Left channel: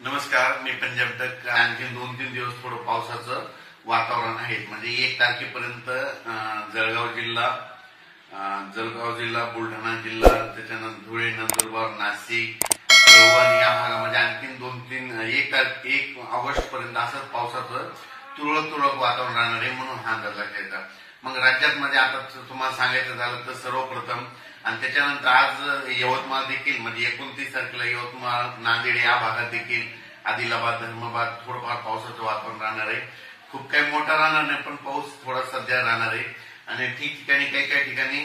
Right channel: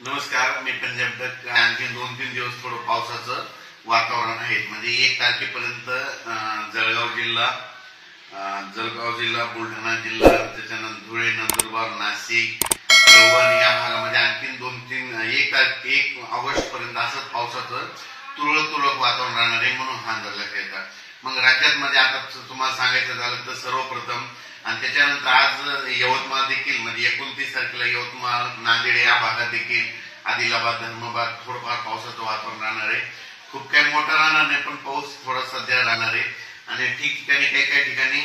नमस्कार, मी पंजाब तक. आणखी 2-3 दिवस थोडं पावसाचं वातावरण आहे. म्हणजे 1 तारखेपर्यंत जळगाव जिल्हा, बुलढाणा जिल्हा, त्याच्यानंतर धुळे, नंदुरबार, नाशिक, परभणी या भागामध्ये आणखी 2-3 1 ऑगस्ट पर्यंत असंच पावसाचं तुरळक तुरळक वातावरण राहणार आहे, म्हणून हा अंदाज लक्षात येतात. मग राज्यात मध्ये आता तुम्हाला सांगायचं झालं तर सर्वप्रथम आणि त्याच्यानंतर आज यवतमाळ देखील म्हणजे 29 तारखेला यवतमाळ, नांदेड या भागात देखील आदिलाबाद, धर्माबाद थोडंफार पावसाचं वातावरण राहणार आहे. खूप काही मोठा राहणार नाही, पण पाऊस थोडा सध्या राहणार आहे आणि ठिकठिकाणी काही ठिकाणी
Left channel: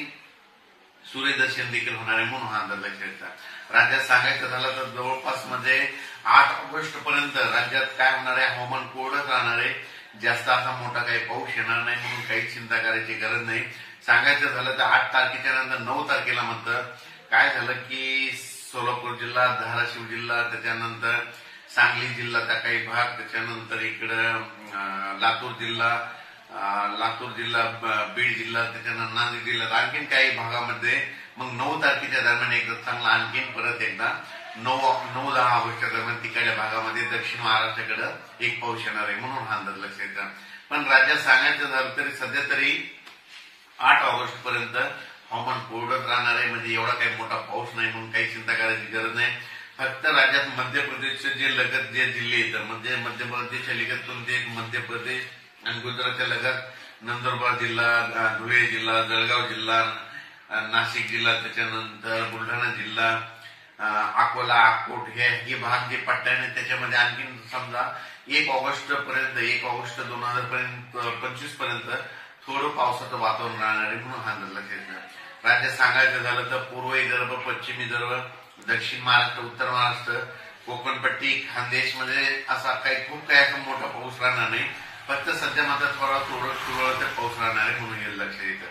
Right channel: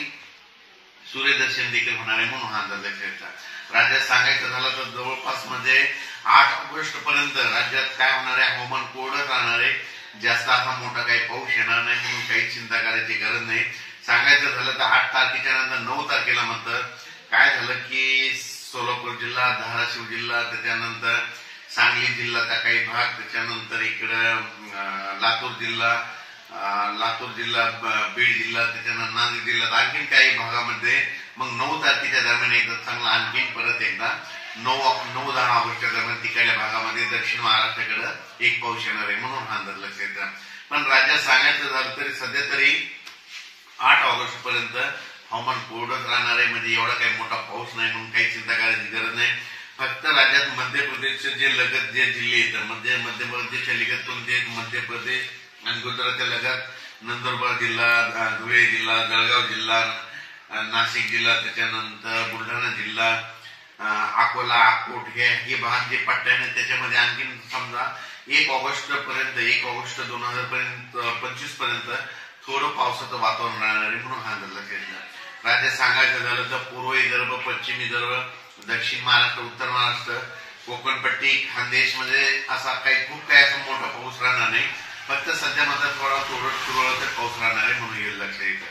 सूर्यदर्शन देखील होणार आहे, म्हणून हा अंदाज लक्षात येतात. राज्यात सांगायचं झालं तर जवळपास म्हणजे 8 ऑगस्ट पर्यंत राज्यात काय होणार आहे, हवामान कोरडंच राहणार आहे. जास्त असा मोठा काही पाऊस येणार नाही, म्हणून काही चिंता करायची गरज नाही. सांगायचं झालं तर 8 तारखेच्या नंतर 9 तारखेला मात्र काय झालं की सोलापूर जिल्हा, धाराशिव जिल्हा, त्याच्यानंतर सांगली जिल्ह्याचा काही भाग, त्याच्यानंतर इकडं लातूर जिल्हा, बीड जिल्हा, त्याच्यानंतर नांदेड जिल्ह्यात आणखीन काही भागामध्ये मग 9 तारखेच्या दरम्यान एकदा चांगला आणखीन परत एकदा 9-10 ऑगस्टच्या दरम्यान तिकडल्या भागामध्ये दक्षिण महाराष्ट्राकडे एक पाऊस येणार आहे, म्हणून हा अंदाज लक्षात येतात. पण राज्यात सांगायचं झालं तरी सध्या तरी 8 ऑगस्ट पर्यंत हवामान कोरडंच राहणार आहे. म्हणजे एवढा काही मोठा पाऊस नाही, म्हणून काही चिंता करायची गरज नाही. फक्त राज्यात मध्य प्रदेशचे जे लगत जे जिल्हे येतात म्हणजे मध्य प्रदेशच्या लगत कोणते, मध्य प्रदेश आणि गुजरातच्या लगत नंदुरबार जिल्हा, धुळे जिल्हा, जळगाव जिल्हा, नाशिक जिल्हा, त्याच्यानंतर बुलढाणा जिल्हा, अकोला, अकोट हे भाग जे पट्ट्याने त्याच्यामध्ये आणखीन समजा 1 ऑगस्ट 2025 पर्यंत थोडं पावसाचं वातावरण राहणार आहे, म्हणून हा अंदाज लक्षात येतात. राज्यात सांगायचं झालं तर पूर्व विदर्भ, पश्चिम विदर्भ, दक्षिण महाराष्ट्र, उत्तर महाराष्ट्र, कोकणपट्टी, खानदेश मध्ये असा खूप काही असा मोठा पाऊस राहणार नाही. फक्त सध्या मात्र थोडा तुरळक पाऊस राहणार आहे, म्हणून हे लक्षात येतं.